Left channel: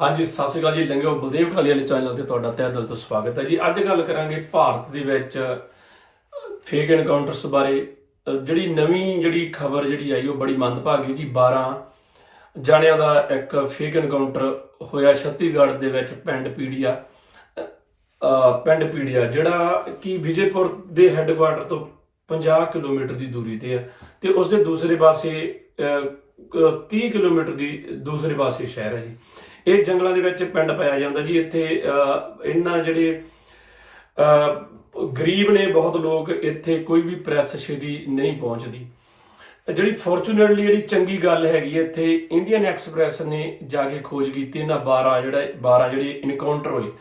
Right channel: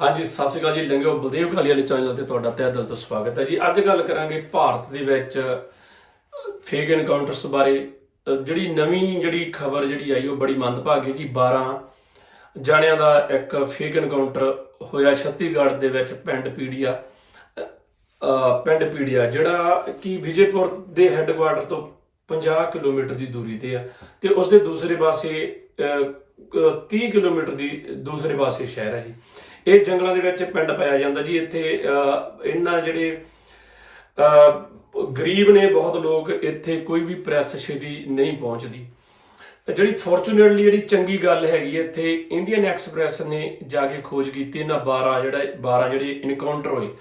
ਹਾਂਜੀ ਸਤਿ ਸ਼੍ਰੀ ਅਕਾਲ ਜੀ। ਲੰਗਿਓ ਬਲਦੇਵ ਕਾਲੀ ਵਾਲੇ ਚੈਨਲ ਤੇ ਤੁਹਾਡਾ ਤਹਿ ਦਿਲ ਤੋਂ ਸਵਾਗਤ ਹੈ ਜੀ। ਅੱਜ ਗੱਲ ਕਰਾਂਗੇ ਭਾਰਤ ਦੇ ਵਿੱਚ ਫੇਕ ਐਨਕਾਊਂਟਰਸ ਬਾਰੇ। ਜਿਹੜੀ ਨਵੀਂ ਜਿਹੜੀ ਖਬਰ ਜਿਹੜੀ ਆਈ ਉਹ ਬੜੀ ਮੰਦਭਾਗੀ ਜੀ। 12 ਜਾਣਿਆਂ ਦਾ ਇੱਕ ਫੇਕ ਐਨਕਾਊਂਟਰ ਹੋਇਆ ਛੱਤੀਗੜ੍ਹ ਦੇ ਵਿੱਚ ਪਿੰਡ ਪੀੜੀਆ। ਪਿੰਡ ਪੀੜੀਆ ਜਿਹੜਾ ਕਿ ਵਿਜੇਪੁਰ ਦੇ ਹੈੱਡਕੁਆਟਰ ਤੋਂ 50 ਕਿਲੋਮੀਟਰ ਦੀ ਦੂਰੀ ਤੇ ਆ। ਤੇ ਉਸ ਦੇ ਦੂਸਰੇ ਪਾਸੇ ਅਹ, 30 ਕਿਲੋਮੀਟਰ ਦੀ ਦੂਸਰੇ ਪਾਸੇ ਸ਼ਹਿਰ ਹੈ ਜੀ। ਇਹ ਜੰਗਲਾਂ ਦੇ ਵਿੱਚ ਪਿੰਡ ਪਾਇਆ ਜਾਂਦਾ ਜੀ, ਇੱਥੇ ਇਹਨਾਂ ਜਿਹੜੇ ਗਰੀਬ ਨੇ ਬਹੁਤ ਲੋਕ ਇੱਥੇ ਕੋਈ ਵੀ ਪ੍ਰੈਸ ਛੇਤੀ ਨਹੀਂ ਪਹੁੰਚਦੀ। ਜਿਹੜੀ ਫੋਰਚੂਨੇਟਲੀ ਜਿਹੜੀ ਚੰਗੀ ਗੱਲ ਹੈਗੀ ਇੱਥੇ ਇੰਡੀਅਨ ਐਕਸਪ੍ਰੈਸ ਨੇ ਜਾ ਕੇ ਖੋਜ ਕੀਤੀ, ਇਹਨਾਂ 12 ਜਿਹੜਾ 12 ਜਿਹੜੇ ਇਨਕਾਊਂਟਰ ਹੋਏ।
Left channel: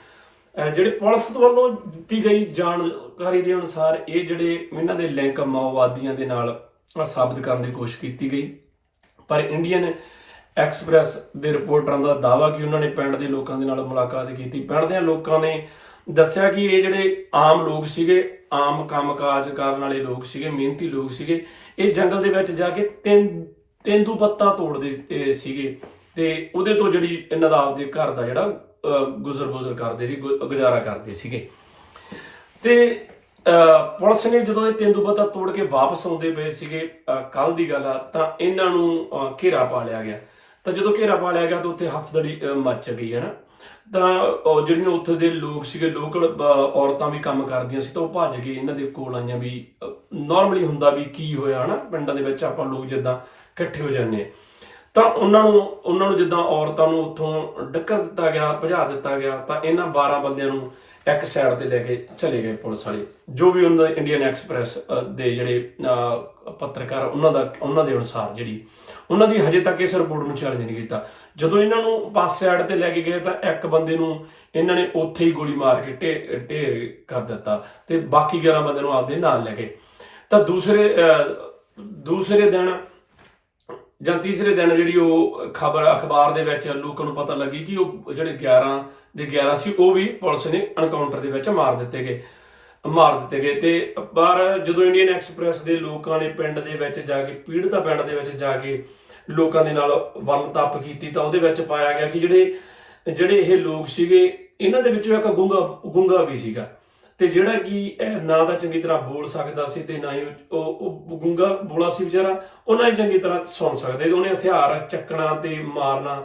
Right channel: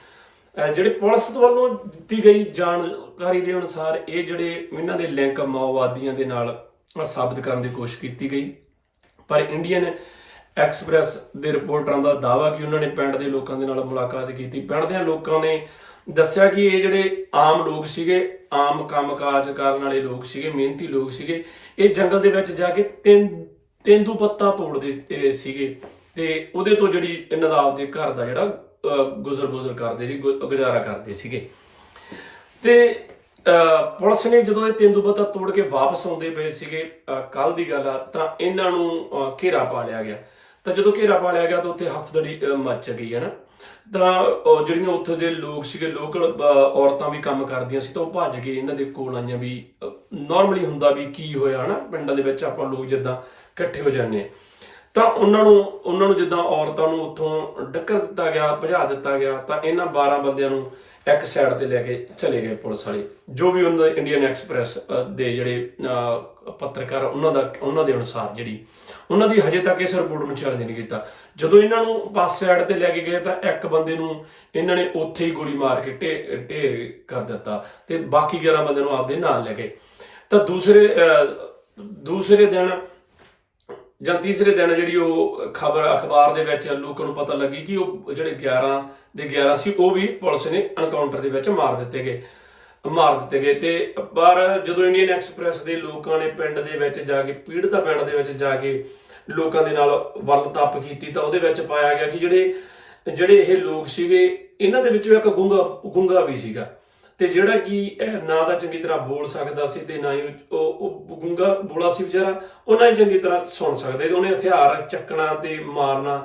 ਜਿਹੜੇ ਪੁਲਿਸ ਵੱਲੋਂ ਦਿੱਤੀ ਗਈ ਜਾਣਕਾਰੀ ਦੇ ਅਨੁਸਾਰ ਇਹ ਜਿਹੜੇ ਇਹਨਾਂ ਦੇ ਲਿੰਕ ਮਾਓਵਾਦੀਆਂ ਦੇ ਨਾਲ ਸਾਬਤ ਕਰਨ ਦੀ ਕੋਸ਼ਿਸ਼ ਕੀਤੀ ਗਈ। ਪਰ ਇੰਡੀਅਨ ਐਕਸਪ੍ਰੈਸ ਦੇ ਰਿਪੋਰਟਰਾਂ ਦਾ ਦਾਵਾ ਕਿ ਉਹਨਾਂ ਨੇ ਪਿੰਡ ਦੇ ਲੋਕਾਂ ਦੇ ਨਾਲ ਮੁਲਾਕਾਤ ਕੀਤੀ। ਪਿੰਡ ਦੇ ਲੋਕਾਂ ਨੇ ਦੱਸਿਆ ਕਿ ਇਹ ਜਿਹੜੇ ਆਮ ਲੋਕ ਸੀਗੇ, ਆਮ ਕੰਮਕਾਜ ਕਰਨ ਵਾਲੇ ਲੋਕ ਸੀਗੇ, ਮਿਹਨਤੀ ਲੋਕ ਸੀਗੇ, ਇਹ ਜੰਗਲ ਦੇ ਵਿੱਚ ਜਾ ਕੇ ਤਿੰਨ ਤੇਂਦੂ ਪੱਤਾ ਤੋੜਦੇ ਸੀਗੇ ਤੇ ਉਹਦੇ ਤੋਂ ਜਿਹੜੀ ਇਹਨਾਂ ਦਾ ਆਪਦੇ ਘਰ ਦਾ ਜਿਹੜਾ ਗੁਜ਼ਰ ਗੁਜ਼ਰ ਕਰਦੇ ਸੀ, ਗੁ- ਗੁਜ਼ਾਰਾ ਕਰਦੇ ਸੀਗੇ। ਤੇ ਪੁਲਿਸ ਨੇ ਜਦੋਂ ਇਹ ਤੇਂਦੂਪੱਤਾ ਤੋੜ ਕੇ ਵਾਪਸ ਆਉਂਦੇ ਪਏ ਸੀਗੇ ਕੱਲ ਦੀ ਗੱਲ ਆ, ਤਾਂ ਇਹਨਾਂ ਨੂੰ ਘੇਰਾ ਪਾ ਲਿਆ ਗਿਆ। ਤਾਂ ਜਦੋਂ ਘੇਰਾ ਪਾ ਲਿਆ ਗਿਆ ਤਾਂ ਉੱਥੇ ਹਫਦੜੀ ਮੱਚ ਗਈ ਹੈ ਨਾ। ਤਾਂ ਜਿਹੜੀਆਂ ਉੱਥੇ ਦੇ ਲੋਕ ਸੀਗੇ, ਲੋਕਲ ਔਰਤਾਂ ਵੀ ਕੰਮ ਕਰਦੀਆਂ ਸੀ ਤਾਂ ਉਹ ਭੱਜ ਕੇ ਇਹਨਾਂ ਦੇ ਕੋਲ ਆਈਆਂ ਵੀ ਨਾਰਮਲੀ ਹੁੰਦਾ ਵੀ ਕੀ ਹੋਇਆ, ਹਨਾ? ਪਿੰਡਾਂ ਦੇ ਵਿੱਚ ਆਪਾਂ ਲੋਕ ਜਿੱਦਾਂ ਇਕੱਠੇ ਹੋ ਜਾਂਦੇ ਤਾਂ ਉਹਨਾਂ ਨੂੰ ਉਹਨਾਂ ਨੂੰ ਜਿੱਦਾਂ ਔਰਤਾਂ ਨੂੰ ਉੱਥੋਂ ਡੱਕਰ ਦਿੱਤਾ ਗਿਆ, ਭਜਾ ਦਿੱਤਾ ਗਿਆ, ਤਾਂ ਇਹਨਾਂ 12 ਬੰਦਿਆਂ ਨੂੰ ਇੱਕ ਸਾਈਡ ਤੇ ਲੈ ਕੇ ਚਲੇ ਗਏ ਪੁਲਿਸ ਵਾਲੇ। ਜੋ ਵੀ ਉਹਨਾਂ ਦਾ ਇੰਡੀਅਨ ਐਕਸਪ੍ਰੈਸ ਦੇ ਜਿਹੜੇ ਪੱਤਰਕਾਰ ਉਹਨਾਂ ਦਾ, ਉਹਨਾਂ ਦੇ ਅਨੁਸਾਰ ਜਿਹੜੀ, ਉਹਨਾਂ ਦੀ ਹਜੇ ਤੱਕ ਇਸ ਰਿਪੋਰਟ ਨੂੰ ਚੈਲੰਜ ਨਹੀਂ ਕੀਤਾ। ਜਦੋਂ ਇਹਨਾਂ ਨੂੰ ਪਾਸ ਸਾਈਡ ਤੇ ਲੈ ਕੇ ਗਏ ਤਾਂ ਇੱਕ ਬੰਦੇ ਨੂੰ ਇਹਨਾਂ ਨੇ ਉੱਥੇ ਹੀ ਗੋਲੀ ਮਾਰ ਕੇ ਢੇ ਢੇਰ ਕਰ ਦਿੱਤਾ ਤੇ ਬਾਕੀ 11 ਬੰਦੇ ਨੂੰ ਆਪਦੇ ਨਾਲ ਲੈ ਗਏ। ਤਾਂ ਦੂਸਰੇ ਦੂਸਰੇ ਦਿਨ ਜਾਂ ਤੀਸਰੇ ਦਿਨ ਜਿਹੜੀ ਉਹ ਖਬਰ, ਅਖਬਾਰ ਦੇ ਵਿੱਚ ਲੋਕਾਂ ਨੂੰ ਪਤਾ ਲੱਗੀ ਕਿ ਉਹ ਜਿਹੜੇ 11 ਦੇ 11 ਸੀ, ਉਹ ਵੀ ਪੁਲਿਸ ਨੇ ਐਨਕਾਊਂਟਰ ਦੇ ਵਿੱਚ ਮਾਰ ਦਿੱਤੇ ਗਏ, ਮਾਰ ਦਿੱਤੇ ਗਏ। ਤੇ ਪਰ ਜਦੋਂ ਇੰਡੀਅਨ ਐਕਸਪ੍ਰੈਸ ਦੇ ਲੋਕਾਂ ਨੇ ਪਿੰਡ ਦੇ ਵਿੱਚ ਜਾ ਕੇ, ਪੀੜਤਾ ਪਿੰਡ ਦੇ ਵਿੱਚ ਜਾ ਕੇ ਲੋਕਾਂ ਦੇ ਨਾਲ ਵੱਲ ਤੱਪ ਕੀਤੀ, ਤਾਂ ਉਹਦੇ ਵਿੱਚ ਪਾਇਆ ਗਿਆ ਕਿ ਜਿਹੜੇ ਜਿਹੜੇ ਇਹ ਲੋਕ ਸੀਗੇ, ਇਹਨਾਂ ਦੇ ਵਿੱਚੋਂ ਇੱਕ ਗੁੰਗਾ ਗੁੰਗਾ ਵੀ ਸੀਗਾ। ਤੇ ਜਿਹੜਾ ਕਿ ਇਹ ਨਾ ਤਾਂ ਚੰਗੀ ਤਰ੍ਹਾਂ ਬੋਲ ਸਕਦਾ ਸੀ ਤੇ ਨਾ ਹੀ ਉਹ ਗੁੰਗਾ ਬੋਲਾ ਸੀ ਵਿਚਾਰਾ ਉਹਨਾਂ ਹੀ ਚੰਗੀ ਤਰ੍ਹਾਂ ਸੁਣ ਸਕਦੇ ਤੇ ਉਹਨੇ ਹਥਿਆਰ ਚੱਕਣਾ ਤੇ ਮਾਰਨਾ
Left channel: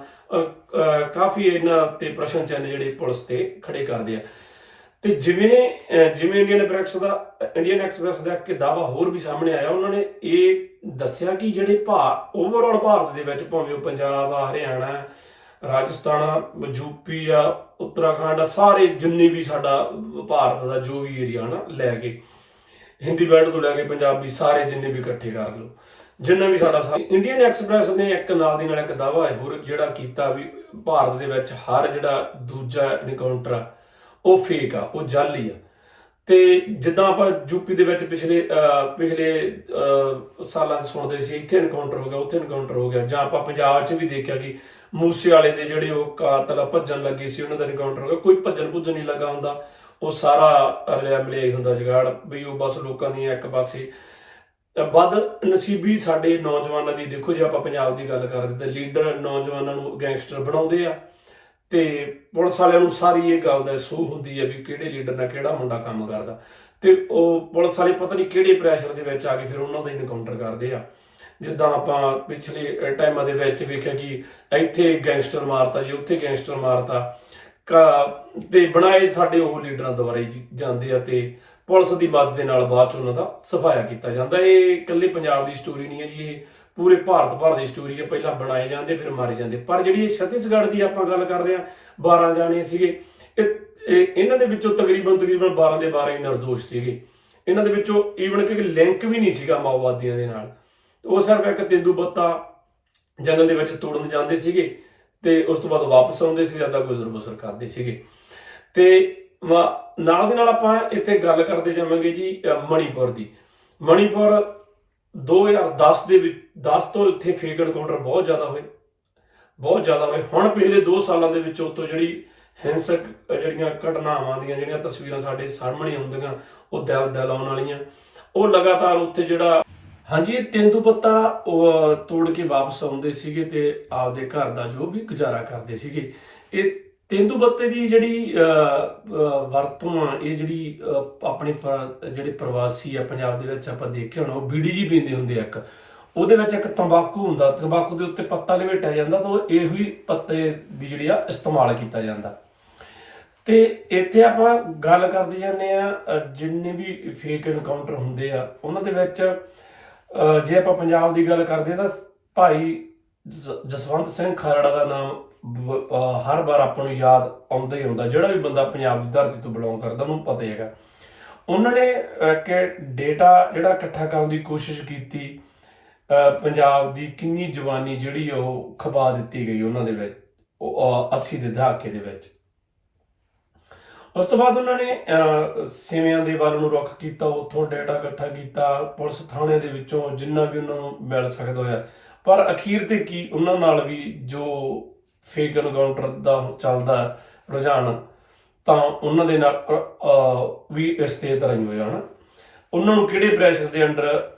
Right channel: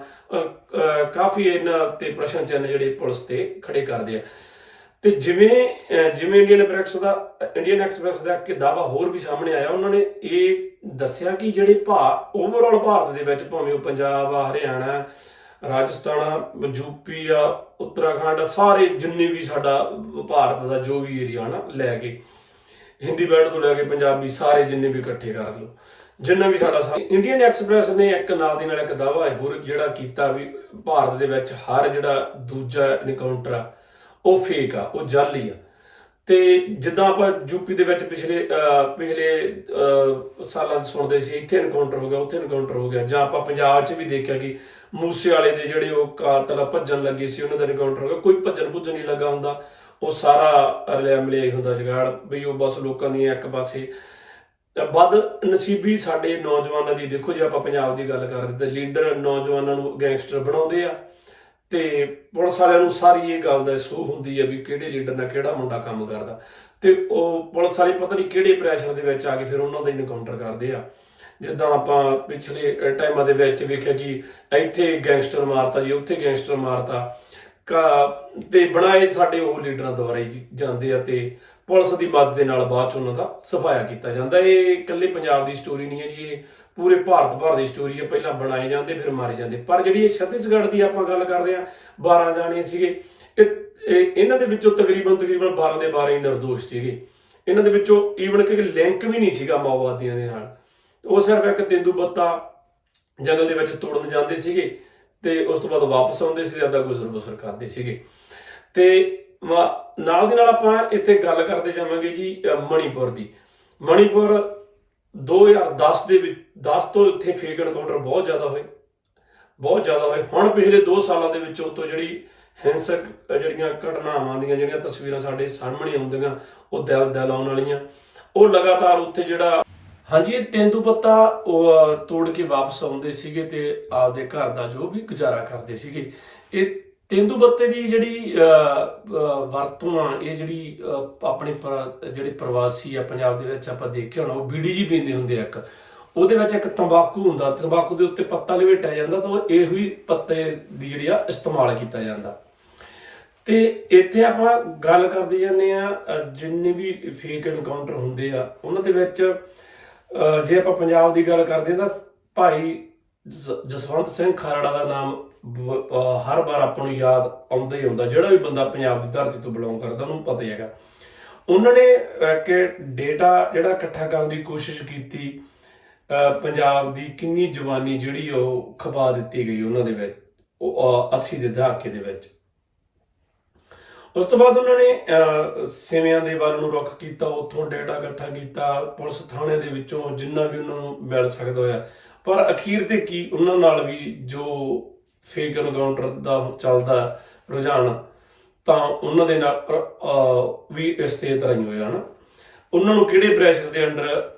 ਕਾਫੀ ਇਹਨਾਂ ਤੇ ਪ੍ਰਸ਼ਨ ਚਿੰਨ੍ਹ ਜਿਹੜੇ ਪੁਲਿਸ ਤੇ ਖੜੇ ਕਰਦੇ ਆ। ਤੇ ਜਿਵੇਂ ਜਿਵੇਂ ਇੰਡੀਅਨ ਐਕਸਪ੍ਰੈਸ ਦਾ ਇੰਡੀਅਨ ਐਕਸਪ੍ਰੈਸ ਦਾ ਇੱਕ ਦਾਵਾ ਹੋਰ ਵੀ ਸਾਹਮਣੇ ਆਇਆ, ਉਹਨਾਂ ਨੇ ਇਹ ਦੱਸਿਆ ਕਿ ਜਿਹੜੇ ਭਾਰ ਓਵਰਆਲ ਭਾਰਤ ਦੇ ਵਿੱਚ ਭਾਵੇਂ ਉਹ ਪੰਜਾਬ ਆ, ਹਰਿਆਣਾ, ਰਾਜਸਥਾਨ ਆ ਯੂਪੀ ਆ, ਉੱਤਰਾਖੰਡ ਆ, ਸਾਰੇ ਜਿੰਨੇ ਵੀ ਸਾਡਾ ਭਾਰਤ ਦਾ ਜੋ ਵੀ ਏਰੀਆ ਨਾ ਲੈ ਕੇ ਹਿੰਦੀ ਬੈਲਟ ਤੋਂ ਲੈ ਕੇ ਪੰਜਾਬੀ ਸਾਰੇ ਜਿੰਨੇ ਵੀ ਇਕੱਠੇ ਕਰ ਲਓ ਜਿੰਨਾ ਵੀ ਸਾਡਾ ਇੰਡੀਅਨ ਐਕਸਪ੍ਰੈਸ ਨੇ ਇੱਕ ਨਾਲ ਦੀ ਨਾਲ ਇੱਕ ਦਾਵਾ ਹੋਰ ਜਿਹੜਾ ਕੀਤਾ ਵੀ ਭਾਰਤ ਦੇ ਵਿੱਚ ਹਰ ਜਿਹੜਾ ਦੂਜਾ ਐਨਕਾਊਂਟਰ ਆ ਉਹ ਫੇਕ ਆ ਉਹ ਜਾਲੀ ਆ। ਤੇ ਜਿੱਦਾਂ ਆਪਾਂ ਯੂਪੀ ਦੇ ਵਿੱਚ ਪਿਛਲੇ ਅਹ, ਪਿਛਲੇ ਅਹ, ਸਾਲਾਂ 'ਚ ਸੁਣਦੇ ਸੀ ਇੱਥੇ ਐਨਕਾਊਂਟਰ ਹੋ ਗਿਆ ਉੱਥੇ ਐਨਕਾਊਂਟਰ ਹੋ ਗਿਆ ਜਾਂ ਆਪਾਂ ਪੰਜਾਬ 'ਚ ਵੀ ਦੇਖਿਆ ਕਿ ਮੂਸੇ ਵਾਲੇ ਦੇ ਜਿਹੜੇ ਉਹ ਕਾਤਲ ਭੱਜਣ ਲੱਗੇ ਸੀ ਉਹਨਾਂ ਦਾ ਐਨਕਾਊਂਟਰ ਹੋ ਗਿਆ ਕੋਈ ਭੱਜਣ ਭੁੱਜਣ ਨਹੀਂ ਲੱਗਾ ਹੁੰਦਾ। ਉਹ ਸਾਰਾ ਰਲਿਆ ਮਿਲਿਆ ਹੀ ਹੁੰਦਾ ਜਗਾੜ ਵੀ ਉਹ ਬਸ ਲੋਕਾਂ ਦੀਆਂ ਇੱਕ ਪਾਸੇ। ਵੱਧ ਨਸੀਬੀ ਸਾਡੇ ਨੌਜਵਾਨਾਂ ਦੀ, ਦੇਖੋ ਜੇ ਆਪਾਂ ਪੰਜਾਬ ਦੀ ਗੱਲ ਕਰਦੇ ਤਾਂ ਲੀਡਰ ਨੌਜਵਾਨਾਂ ਨੂੰ ਗੈਂਗਸਟਰ ਬਣਾਉਂਦੇ ਆ, ਤੇ ਪੁਲਿਸ ਵਾਲਿਆਂ ਨੂੰ ਸਾਰੀ ਇਹ ਗੱਲ ਦਾ ਸੂਹ ਹੁੰਦੀ ਆ ਵੀ ਕਿਹੜੇ ਲੀਡਰ ਨਾਲ ਕਿਹੜਾ ਮੁੰਡਾ ਕੰਮ ਕਰਦਾ। ਤੇ ਉਹ ਪੁਲਿਸ ਵਾਲੇ ਪਤਾ ਨਹੀਂ ਕਿਹੜੇ ਪ੍ਰੈਸ਼ਰ ਦੇ ਵਿੱਚ ਆ ਕੇ ਫਿਰ ਉਹਨਾਂ ਦਾ ਇਨਕਾਊਂਟਰ ਕਰਦੇ ਆ। ਜਿੱਦਾਂ ਆਪਾਂ ਪਿਛਲੇ ਟਾਈਮਾਂ ਦੇ ਵਿੱਚ ਵੇਖਿਆ ਕਿ ਇੱਥੇ ਗੈਂਗਸਟਰ ਮਾਰਤਾ ਜੀ, ਉੱਥੇ ਗੈਂਗਸਟਰ ਮਾਰਤਾ। ਤੇ ਬਣਾਏ ਸਾਡੇ ਉਹ ਲੀਡਰਾਂ ਦੁਆਰਾ ਹੀ ਜਾਂਦੇ ਆ ਤੇ ਪੁਲਿਸ ਦੀ ਮਦਦ ਦੇ ਨਾਲ ਬਾਅਦ ਚ ਉਹਨਾਂ ਦਾ ਸਫਾਇਆ ਕੀਤਾ ਜਾਂਦਾ। ਇਹ ਇਕੱਲੇ ਪੰਜਾਬ ਦੀ ਸਟੋਰੀ ਨਹੀਂ ਹੈ ਜੀ, ਇਹ ਪੂਰੇ ਭਾਰਤ ਭਰ ਦੀ ਸਟੋਰੀ ਹੈ। ਪਹਿਲਾਂ ਬਣਾਏ ਜਾਂਦੇ, ਫਿਰ ਮਾਰੇ ਜਾਂਦੇ। ਪਰ ਜਿਹੜੀ ਇਹ ਛੱਤੀਸਗੜ੍ਹ ਦੀ ਆਪਾਂ ਗੱਲ ਕਰਦੇ ਆ 12 ਜਾਣੇ ਸੀਗੇ। ਇਹ ਇਹਨਾਂ ਦੇ ਵਿੱਚੋਂ ਤਕਰੀਬਨ ਤਕਰੀਬਨ 12 ਦੇ 12 ਹੀ ਨਿਰਦੋਸ਼ ਸੀਗੇ। ਇਹਨਾਂ ਦੇ ਵਿੱਚੋਂ ਈਵਨ ਕਿ ਲਿੰਕ ਵੀ ਨਹੀਂ ਸੀਗਾ ਮਾਓਵਾਦੀਆਂ ਦੇ ਨਾਲ। ਉਹ ਸਿਰਫ ਇੱਕ ਤੇਂਦੂ ਬੱਤਾ ਜੰਗਲ ਦੇ ਵਿੱਚ ਤੋੜਨ ਜਾਂਦੇ ਸੀਗੇ। ਤੇ ਉਸ ਤੋਂ ਬਾਅਦ ਵਾਪਸ ਆਉਂਦੇ ਸੀ ਅੱਧਾ ਗੁਜ਼ਰ ਬਸਰ ਕਰਦੇ ਸੀਗੇ। ਤੇ ਵਾ- ਨਾਲ ਦੀ ਨਾਲ ਆਪਾਂ ਇੱਥੇ ਗੱਲ ਕਰਦੇ ਜਾਵਾਂਗੇ ਜੀ ਮਣੀਪੁਰ ਦੀ। ਮਣੀਪੁਰ 2010 ਦੇ ਵਿੱਚ 10 ਤੋਂ ਇੱਥੇ ਫੇਕ ਐਨਕਾਊਂਟਰ ਬਹੁਤ ਜ਼ਿਆਦਾ ਹੋਏ। ਬਹੁਤ ਜ਼ਿਆਦਾ ਹੋਏ। ਹੁਣ ਪਿਛਲੇ 2 ਸਾਲਾਂ ਦੇ ਵਿੱਚ ਉਤੋਂ ਜਿਹੜੀ ਹਿੰਸਕ ਜਿਹੜੀਆਂ ਘਟਨਾਵਾਂ ਦੀਆਂ, ਜਿਹੜੀਆਂ ਤਸਵੀਰਾਂ ਸਾਡੇ ਸਾਹਮਣੇ ਆਉਂਦੀਆਂ, ਉਹ ਦਿਲ ਦਿਲ ਆਉਣ ਵਾਲੀਆਂ। ਉਹ ਲਗਾਤਾਰ ਉੱਥੇ ਜਿਹੜਾ ਹਾਂਜੀ, ਇਹ ਤੇਂਦੂ ਪੱਤਾ ਤੋੜ ਕੇ ਵਾਪਸ ਆਉਂਦੇ ਸੀਗੇ ਤੇ ਆਪਦੇ ਘਰ ਦਾ ਜੋ ਵੀ ਗੁਜ਼ਾਰਾ ਕਰਦੇ ਸੀਗੇ। ਇਹ ਤੇਂਦੂਪੱਤੇ ਦੀ ਜਿਹੜੀ ਵਰਤੋਂ ਆ, ਇਹ ਜਿਹੜੀ ਆਪਣੇ ਪਰ- ਜਿਹੜੇ ਪ੍ਰਵਾਸੀ ਆ, ਪੰਜਾਬ ਦੇ ਵਿੱਚ ਆਪਾਂ ਦੇਖਿਆ ਹੋਣਾ, ਉਹ ਬੀੜੀ ਜੀ ਪੀਂਦੇ ਹੁੰਦੇ ਆ ਇੱਕ। ਉਹਦੇ ਵਿੱਚ ਇੱਕ ਤੰਬਾਕੂ ਹੁੰਦਾ, ਤੰਬਾਕੂ ਦੇ ਉੱਤੇ ਪੱਤਾ ਲਵੇਟਿਆ ਜਾਂਦਾ ਤਾਂ ਉਹ ਇਹੋ ਹੀ ਪੱਤੇ ਦੀ ਜਿਹੜੀ ਆ, ਇਸਤੇਮਾਲ ਕੀਤਾ ਜਾਂਦਾ। ਤੇ ਇੱਥੇ ਆਪਾਂ ਗੱਲ ਕਰਦੇ ਜਾਂਦੇ ਆ ਜਿੰਨੇ ਵੀ ਫੇਕ ਐਨਕਾਊਂਟਰ ਹੁੰਦੇ ਆ, ਉਹਨਾਂ ਦੇ ਵਿੱਚ ਜੇ ਆਪਾਂ ਪੰਜਾਬ ਦੀ ਗੱਲ ਕਰਦੇ ਹਾਂ ਤਾਂ ਭਾਈ ਜ- ਜਸਵੰਤ ਸਿੰਘ ਖਾਲੜਾ ਦਾ ਨਾਮ ਹਰ ਵਾਰ ਆਪਾਂ ਨੂੰ ਯਾਦ ਆਉਂਦਾ ਹੀ ਆਉਂਦਾ ਜਿਹੜਾ ਵੀ ਬੰਦਾ ਪੰਜਾਬ ਦੀ ਧਰਤੀ ਤੋਂ ਬਿਲੋਂਗ ਕਰਦਾ ਉਹਨੂੰ ਪਤਾ ਹੀ ਹੈਗਾ। ਉਹਨਾਂ ਨੇ ਕਿ ਡੇਟਾ ਜਿਹੜਾ ਇਕੱਠਾ ਕਰਨ ਦੀ ਕੋਸ਼ਿਸ਼ ਕੀਤੀ ਪੰਜਾਬ ਦੀ ਕਿੰਨੀ ਜਵਾਨੀ ਜਿਹੜੀ ਉਹ ਖਪਾ ਦਿੱਤੀ ਗਈ ਉਹਨਾਂ ਦੇ ਵਿੱਚ ਉਹ ਅ, 80 ਦੇ ਦਹਾਕੇ ਦੇ ਵਿੱਚ। ਉਸ ਤੋਂ ਬਾਅਦ ਉਹਨਾਂ ਨੇ ਸੇਵਿਆਂ ਦੇ ਵੱਲ ਨੂੰ ਰੁਖ ਕੀਤਾ ਉੱਥੋਂ ਡਾਟਾ ਇਕੱਠਾ ਕੀਤਾ ਪੁਲਿਸ ਥਾਣੇ ਦੇ ਵਿੱਚੋਂ ਜਿੰਨਾ ਵੀ ਉਹਨਾਂ ਨੂੰ ਮਿਲ ਸਕਦਾ ਹੋਇਆ। ਪਰ ਅਖੀਰ ਤੇ ਕੀ ਉਹਨਾਂ ਨਾਲ ਵੀ ਜੋ ਫੇਕ ਐਨਕਾਊਂਟਰ ਦਾ ਚੱਲਦਾ ਰੁਝਾਨ ਤਾਂ ਉਹਨਾਂ ਦੇ ਨਾਲ ਵੀ ਇਸ ਤੇ ਤਰ੍ਹਾਂ ਹੀ ਹੋਇਆ ਨਾ ਉਹਨਾਂ ਨੂੰ ਕਿਹੜੇ ਪ੍ਰੈਸ਼ਰ ਦੇ ਅੰਡਰ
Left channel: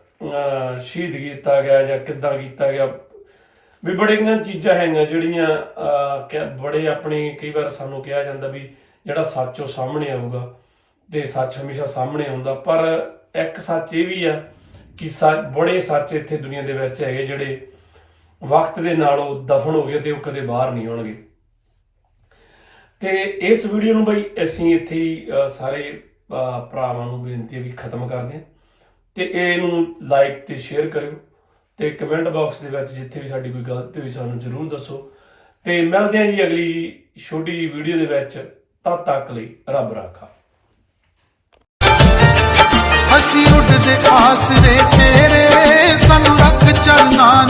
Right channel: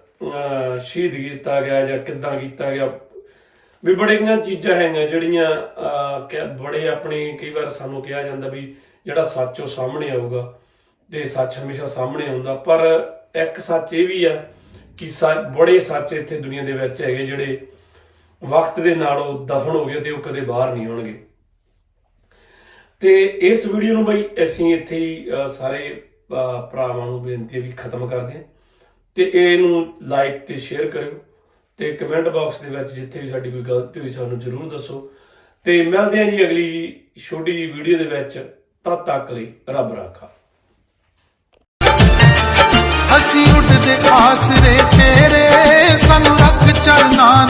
ਸ਼ਹੀਦ ਕੀਤਾ ਗਿਆ ਜਾਂ ਕਿੱਦਾਂ ਕੀਤਾ ਗਿਆ? ਵੀ ਬੜੀਆਂ ਚੀਜ਼ਾਂ ਹੈਗੀਆਂ ਜਿਹੜੀਆਂ ਅਹ, ਕਿ ਬੜੇ ਆਪਣੀ ਕਈ ਵਾਰ ਸਾਨੂੰ ਕਿਹਾ ਜਾਂਦਾ ਵੀ ਜਿਹੜਾ ਸੱਚ ਉਹ ਸਾਹਮਣੇ ਆਊਗਾ ਤੇ ਸੱਚ ਹਮੇਸ਼ਾ ਸਾਹਮਣੇ ਆਉਂਦਾ। ਪਰ ਇੱਕ ਸੱਚ ਇਹ ਵੀ ਆ ਕਿ ਸੱਚ ਬੜੇ ਸੱਚ ਇੱਥੇ ਦੁਨੀਆ ਦੇ ਵਿੱਚ ਹੈਗੇ ਜਿਹੜੇ ਵਕਤ ਦੇ ਨਾਲ ਉਹ ਦਫਨ ਹੋ ਗਏ ਤੇ ਉਹ ਕਦੇ ਬਾਹਰ ਨਹੀਂ ਆਉਣਗੇ। ਤੇ ਇਸ ਵੀਡੀਓ ਨੂੰ ਬਈ ਅਸੀਂ ਇੱਥੇ ਹੀ ਸਾਰੇ ਭਰਾਵਾਂ ਨੂੰ ਬੇਨਤੀ ਹੈ ਵੀ ਖਤਮ ਕਰਦੇ ਹਾਂ। ਤੇ ਇਹਨੂੰ ਲਾਈਕ ਤੇ ਸ਼ੇਅਰ ਕਰਿਓ ਤੇ ਕਮੈਂਟ ਬਾਕਸ ਦੇ ਵਿੱਚ ਜਿੱਥੇ ਵੀ ਸਾਡੀ ਕੋਈ ਗਲਤੀ ਹੋਈ ਸਾਨੂੰ ਜ਼ਰੂਰ ਦੱਸੋ। ਤੇ ਮਿਲਦੇ ਹਾਂ ਜੀ ਅਗਲੀ ਛੋਟੀ ਜੀ ਵੀਡੀਓ ਦੇ ਵਿੱਚ। ਤਦ ਤੱਕ ਲਈ ਰੱਬ ਰਾਖਾ। ਅਸੀਂ ਉੱਡਦੇ ਆਸਰੇ ਤੇਰੇ ਸਾਨੂੰ ਰੱਖ ਚਰਨਾ